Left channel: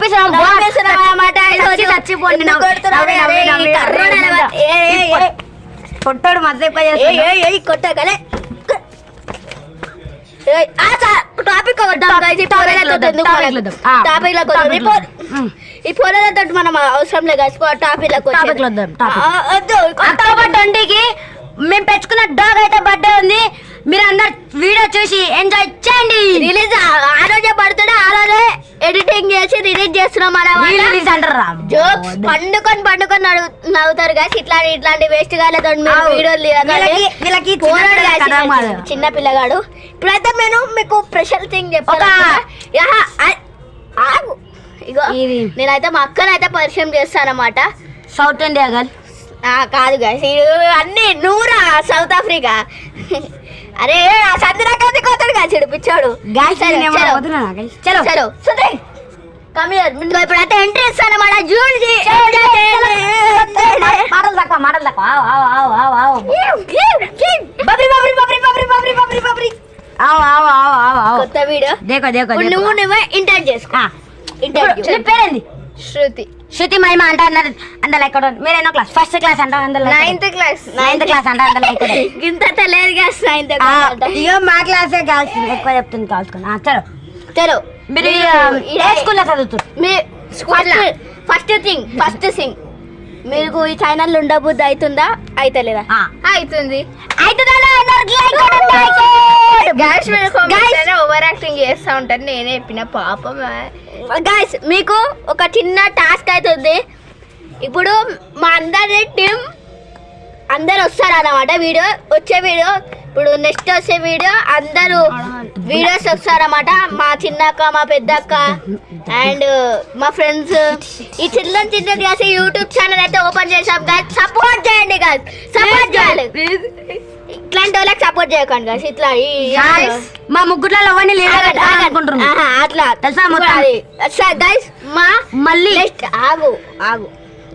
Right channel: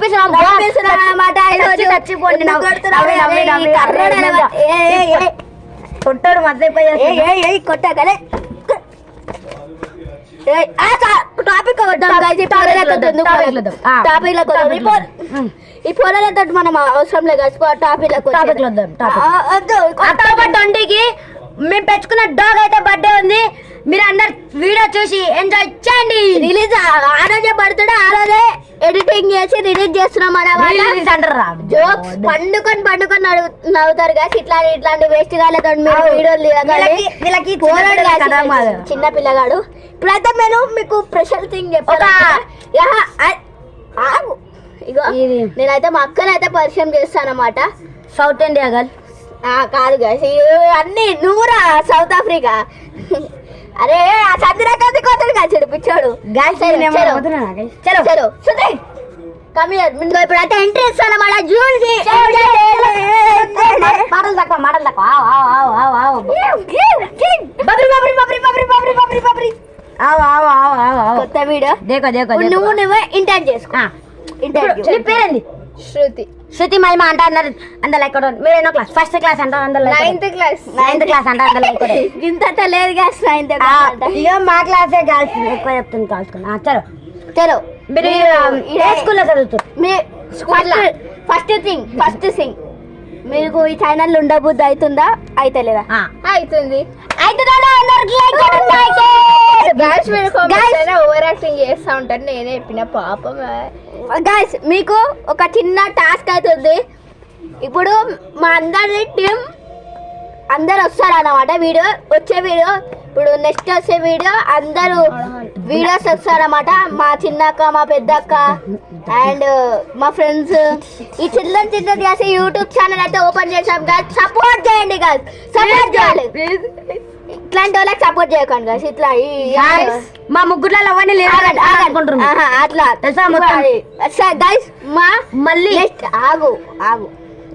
పంపిస్తున్నాం అన్నమాట. కొట్టాడు మధ్య కొట్టగలే టాపిక్ ఈ పొరలతో మనం అవసరం లేదు టాపిక్ అక్టోబర్ 20కి మేము పెంచుకున్న డాగ్ అయితే బర్త్డే ఉంది. మీరు అందరు వీడియో చూసి ఎంజాయ్ చేయండి. రిలీజ్ ఆ రోజే బర్త్డే, ఆ రోజే ఎడిటింగ్ చేసి రిలీజ్ చేస్తున్నాం అన్నమాట. జోక్స్ పండుకొని నవ్వుతారు కదా. ఇట్లాంటి వేస్ట్ కాలేదు మీరు వీడియోలు చిన్న పిల్లగాడు. ఇప్పుడైతే నేను మీకు స్పెషల్ థింగ్ చెప్పాను. ఇగో నేనైతే మా అక్కనైతే పరిచయం చేస్తానమాట. సౌత్ ఇండియా గర్ల్ కాదు గాయస్, అన్ని నూరా సౌత్ ఆఫ్రికా. అరే ఆ సందిరా కది కోతాడు కాదు పిచ్చాడు. చలో ఇప్పుడైతే ఎంట్రీ ఇస్తానమాట. జూల్జీ కొత్త వీడియో నువ్వు ఇంటర్ చేసుకో. ఇంటర్వ్యూ పేరేంది? శృతి మహిమ అంటే అందులో ఎక్కడ మీరు ఎన్నో క్లాస్? ఫస్ట్ క్లాస్ అంటే అందులో నైన్త్ క్లాస్ అంటే అందులో ఇంత తెలియదు గ్యాస్. నైన్త్ ఇక మా క్లాసే గర్ల్స్ ఎక్కువ చెప్తుంది కాల్చుకున్నా. చలో మీరు స్కూల్లో చదువుతారు. ఫస్ట్ థింగ్ మీకు ఈ ఛానల్ ఉండబుద్ధి అవుతుందా అయితలేదా? అవుతుంది. ఓవర్ యాక్టింగ్ చేస్తా ఉంటారు. నేనే చెప్పిన పాపం. గైస్ మీకు ఒక చిన్న టాస్క్ అవుతుంది. ఇప్పుడు మా అందరి టీం అందరు వస్తారు అన్నమాట. వచ్చే వీడియో ఇప్పుడు నెక్స్ట్ వచ్చే వీడియో అందరూ వీడియోస్ వస్తారన్నమాట. మా చిన్నక్క, మా పెద్దక్క అండ్ మా ఫ్రెండ్స్. ఈ చిన్న చేసి యూట్యూబ్ ఛానల్ అయితే ఓపెన్ చేసాం గాయస్. సపోర్ట్ చేయండి గాయస్, సపోర్ట్ చేయాలి. ఇట్లాంటి వాళ్ళకి సపోర్ట్ చేయకండి గాయస్. ఇట్లా మా ముగ్గురులో అట్లా గైస్. మా మళ్ళీ నెక్స్ట్ ఆగు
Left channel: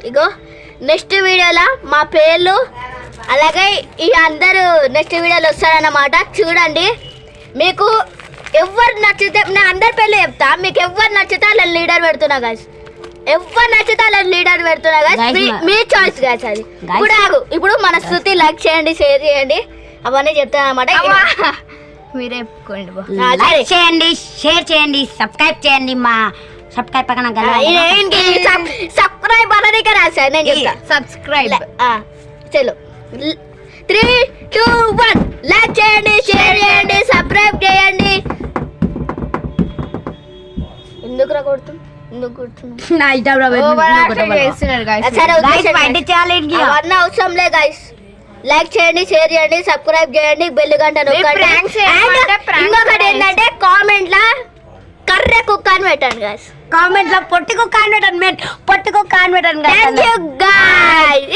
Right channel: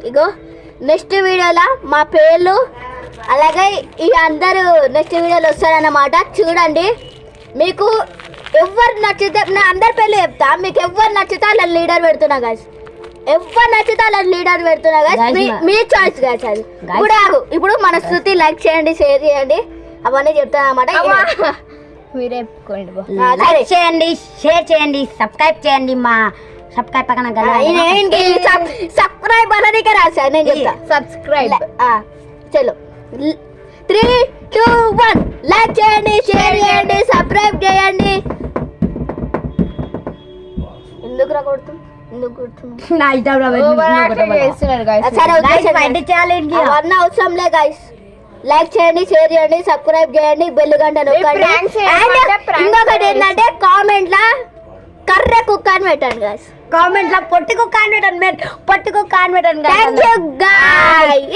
ఇగో నెక్స్ట్ వీడియోలో మా పేర్లు అలాగే ఈ అందరూ నెక్స్ట్ వీడియోలో వస్తారన్నమాట. చూడండి. మీకు ఎవరు నచ్చితే నేను అందరి పేర్లు చెప్తా. మీకు ఎవరు నచ్చితే అలా లీడర్ పెడుతున్నా గాయస్. ఎవరు నచ్చితే అలా లీడర్ పెడుతున్నా గాయస్. మీ చాయిస్ గాయస్. అది ఇప్పుడు మన శృతి లైక్ చేయండి, షేర్ చేయండి, అవన్నీ చెప్తాను అన్నమాట. మీరే చెప్పుకోండి. లైక్ చేయండి, షేర్ చేయండి, సబ్స్క్రైబ్ చేయండి. మా సబ్స్క్రైబ్ పక్కన సబ్స్క్రైబ్ అనేది రాశా నేను చెప్తా. సబ్స్క్రైబ్. చలో 3, 2, 1 లైక్ చేయండి, షేర్ చేయండి, సబ్స్క్రైబ్ చేయండి. ఎందుకు అవన్నీ అవసరం లే గైస్. లైక్ చేయండి, షేర్ చేయండి, సబ్స్క్రైబ్ చేయండి, బెల్ గంట నొక్కండి. ఇంకొకటి ఏంటంటే కామెంట్ లా కర్రె కుక్క అని పెట్టండి గైస్. కామెంట్ లో పొట్టి కుక్క అని పెట్టండి. Thank you guys.